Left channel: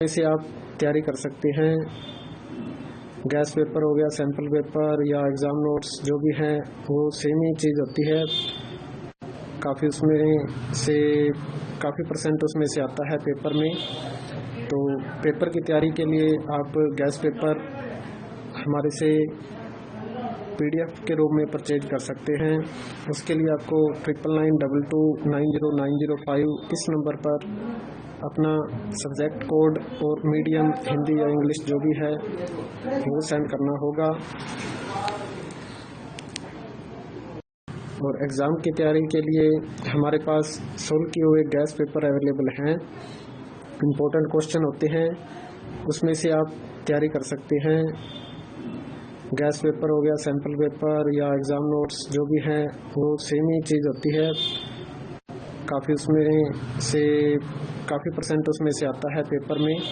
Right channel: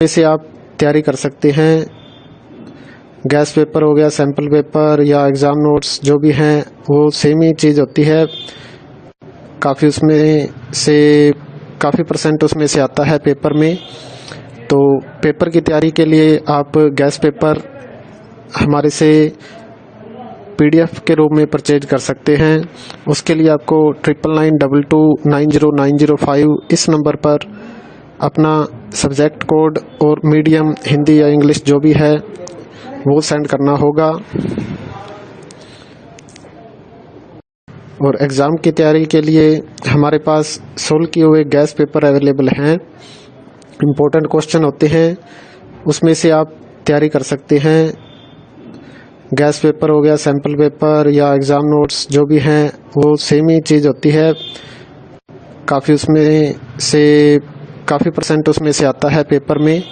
से आप तैयारी कर सकते हैं। गैस पेपर हो गया, सैम्पल पेपर या एग्ज़ाम नोट्स जो भी हैं वो सेम ही चीज़ होती है। काफ़ी उसमें से काफ़ी परसेंट उसमें से आता है पेपर में। तो पेपर की तैयारी के लिए आप गैस पेपर हमारे से PDF के रूप में परचेज कर सकते हैं। उसके लिए आपको 9992290905 इस नंबर पर अपना सब्जेक्ट कोड और मीडियम हिंदी या इंग्लिश जो भी है वो सेंड करना होगा। और एग्ज़ाम की तैयारी के लिए हमारे पास सोल्व किए हुए गैस पेपर अवेलेबल हैं। इम्पोर्टेंट क्वेश्चन होते हैं, उसमें से आप तैयारी कर सकते हैं। गैस पेपर हो गया, सैम्पल पेपर या एग्ज़ाम नोट्स जो भी हैं वो सेम ही चीज़ होती है। काफ़ी उसमें से काफ़ी परसेंट उसमें से आता है पेपर में।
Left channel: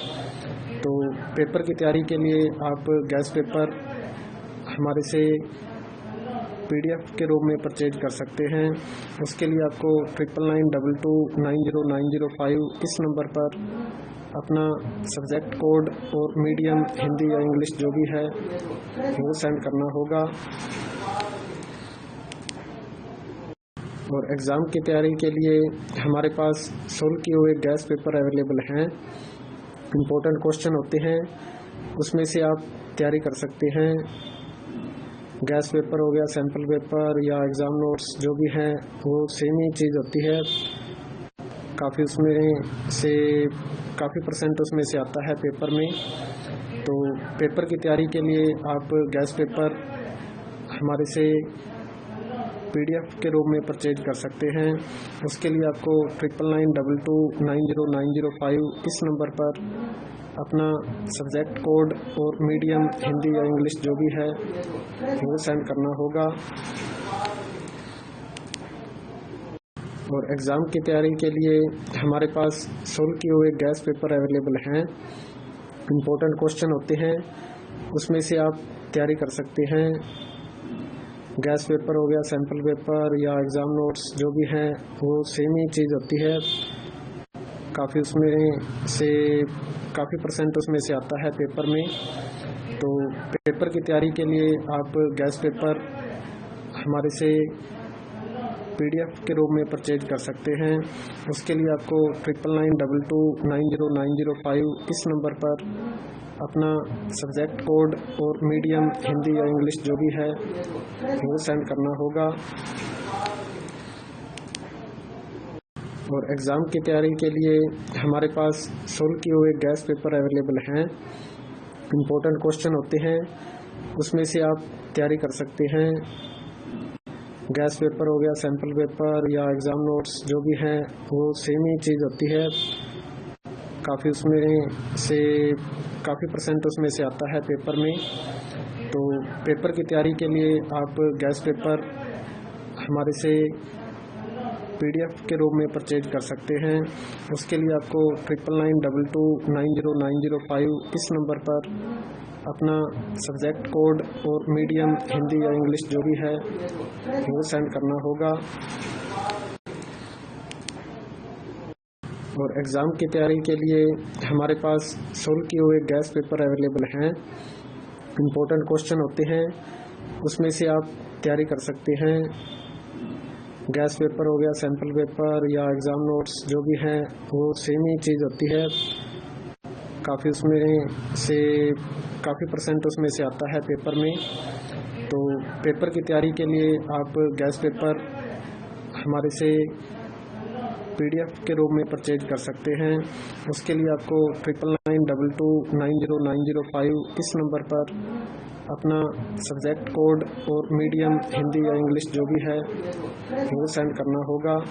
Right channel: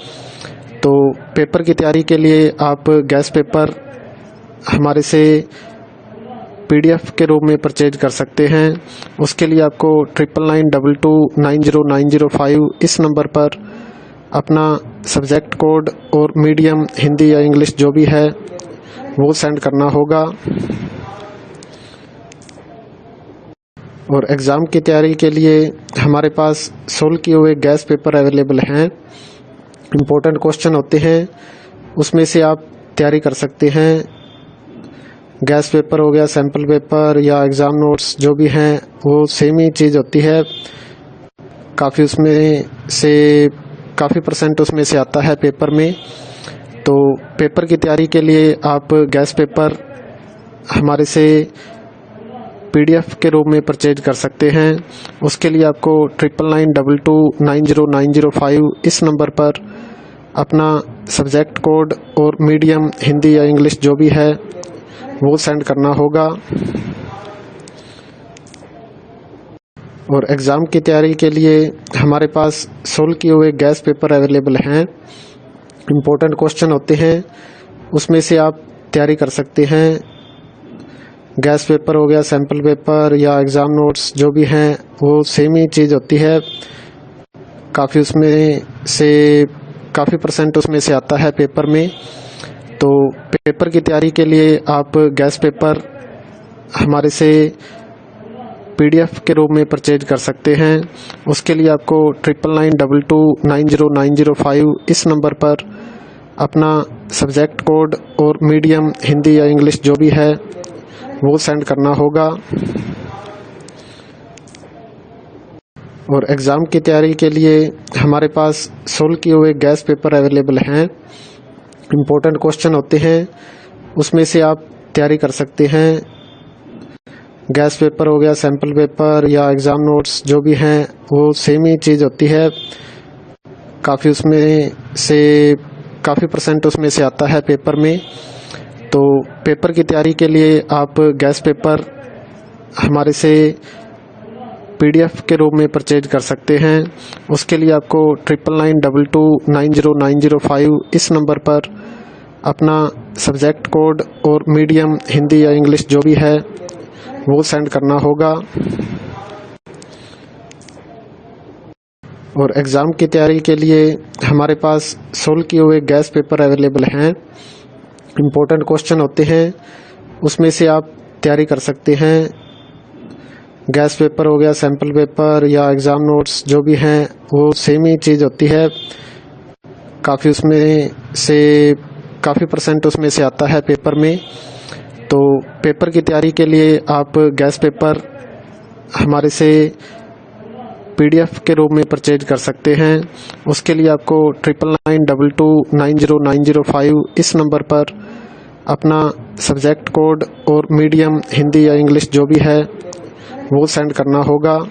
तो पेपर की तैयारी के लिए आप गैस पेपर हमारे से PDF के रूप में परचेज कर सकते हैं। उसके लिए आपको 9992290905 इस नंबर पर अपना सब्जेक्ट कोड और मीडियम हिंदी या इंग्लिश जो भी है वो सेंड करना होगा। और एग्ज़ाम की तैयारी के लिए हमारे पास सोल्व किए हुए गैस पेपर अवेलेबल हैं। इम्पोर्टेंट क्वेश्चन होते हैं, उसमें से आप तैयारी कर सकते हैं। गैस पेपर हो गया, सैम्पल पेपर या एग्ज़ाम नोट्स जो भी हैं वो सेम ही चीज़ होती है। काफ़ी उसमें से काफ़ी परसेंट उसमें से आता है पेपर में। तो पेपर की तैयारी के लिए आप गैस पेपर हमारे से PDF के रूप में परचेज कर सकते हैं। उसके लिए आपको 9992290905 इस नंबर पर अपना सब्जेक्ट कोड और मीडियम हिंदी या इंग्लिश जो भी है वो सेंड करना होगा। और एग्ज़ाम की तैयारी के लिए हमारे पास सोल्व किए हुए गैस पेपर अवेलेबल हैं। इम्पोर्टेंट क्वेश्चन होते हैं, उसमें से आप तैयारी कर सकते हैं। गैस पेपर हो गया, सैम्पल पेपर या एग्ज़ाम नोट्स जो भी हैं वो सेम ही चीज़ होती है। काफ़ी उसमें से काफ़ी परसेंट उसमें से आता है पेपर में। तो पेपर की तैयारी के लिए आप गैस पेपर हमारे से PDF के रूप में परचेज कर सकते हैं। उसके लिए आपको 9992290905 इस नंबर पर अपना सब्जेक्ट कोड और मीडियम हिंदी या इंग्लिश जो भी है वो सेंड करना होगा। और एग्ज़ाम की तैयारी के लिए हमारे पास सोल्व किए हुए गैस पेपर अवेलेबल हैं। इम्पोर्टेंट क्वेश्चन होते हैं, उसमें से आप तैयारी कर सकते हैं। गैस पेपर हो गया, सैम्पल पेपर या एग्ज़ाम नोट्स जो भी हैं वो सेम ही चीज़ होती है। काफ़ी उसमें से काफ़ी परसेंट उसमें से आता है पेपर में। तो पेपर की तैयारी के लिए आप गैस पेपर हमारे से PDF के रूप में परचेज कर सकते हैं। उसके लिए आपको 9992290905 इस नंबर पर अपना सब्जेक्ट कोड और मीडियम हिंदी या इंग्लिश जो भी है वो सेंड करना होगा। और एग्ज़ाम की तैयारी के लिए हमारे पास सोल्व किए हुए गैस पेपर अवेलेबल हैं। इम्पोर्टेंट क्वेश्चन होते हैं, उसमें से आप तैयारी कर सकते हैं। गैस पेपर हो गया, सैम्पल पेपर या एग्ज़ाम नोट्स जो भी हैं वो सेम ही चीज़ होती है। काफ़ी उसमें से काफ़ी परसेंट उसमें से आता है पेपर में। तो पेपर की तैयारी के लिए आप गैस पेपर हमारे से PDF के रूप में परचेज कर सकते हैं। उसके लिए आपको 9992290905 इस नंबर पर अपना सब्जेक्ट कोड और मीडियम हिंदी या इंग्लिश जो भी है वो सेंड करना होगा।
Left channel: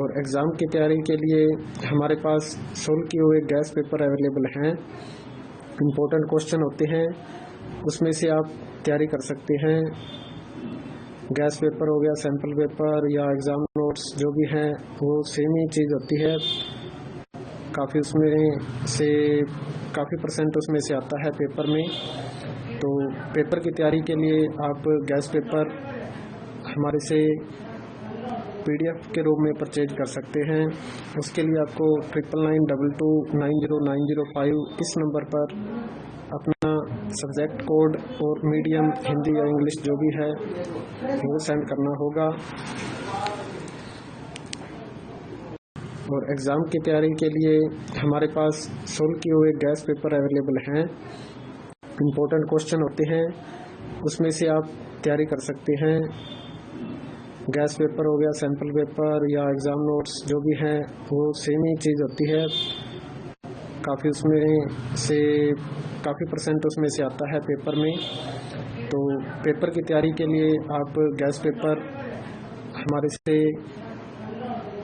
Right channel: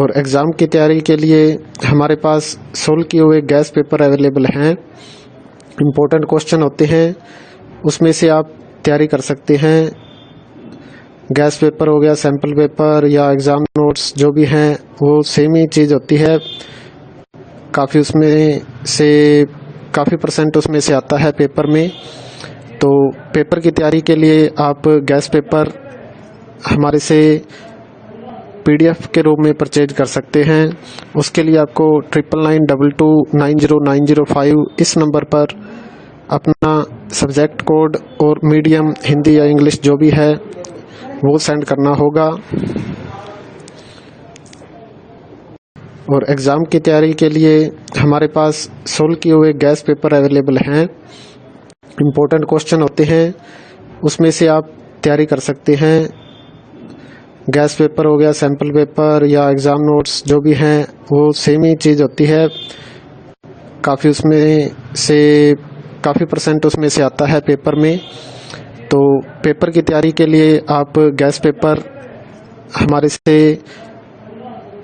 और एग्ज़ाम की तैयारी के लिए हमारे पास सोल्व किए हुए गैस पेपर अवेलेबल हैं। इम्पोर्टेंट क्वेश्चन होते हैं, उसमें से आप तैयारी कर सकते हैं। गैस पेपर हो गया, सैम्पल पेपर या एग्ज़ाम नोट्स जो भी हैं वो सेम ही चीज़ होती है। काफ़ी उसमें से काफ़ी परसेंट उसमें से आता है पेपर में। तो पेपर की तैयारी के लिए आप गैस पेपर हमारे से PDF के रूप में परचेज कर सकते हैं। उसके लिए आपको 9992290905 इस नंबर पर अपना सब्जेक्ट कोड और मीडियम हिंदी या इंग्लिश जो भी है वो सेंड करना होगा। और एग्ज़ाम की तैयारी के लिए हमारे पास सोल्व किए हुए गैस पेपर अवेलेबल हैं। इम्पोर्टेंट क्वेश्चन होते हैं, उसमें से आप तैयारी कर सकते हैं। गैस पेपर हो गया, सैम्पल पेपर या एग्ज़ाम नोट्स जो भी हैं वो सेम ही चीज़ होती है। काफ़ी उसमें से काफ़ी % उसमें से आता है पेपर में। तो पेपर की तैयारी के लिए आप गैस पेपर हमारे से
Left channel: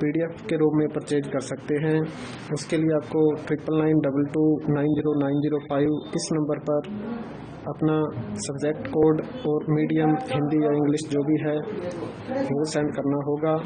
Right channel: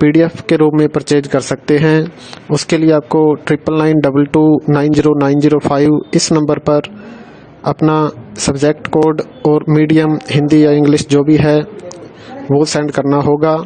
PDF के रूप में परचेज कर सकते हैं। उसके लिए आपको 9992290905 इस नंबर पर अपना सब्जेक्ट कोड और मीडियम हिंदी या इंग्लिश जो भी है वो सेंड करना होगा।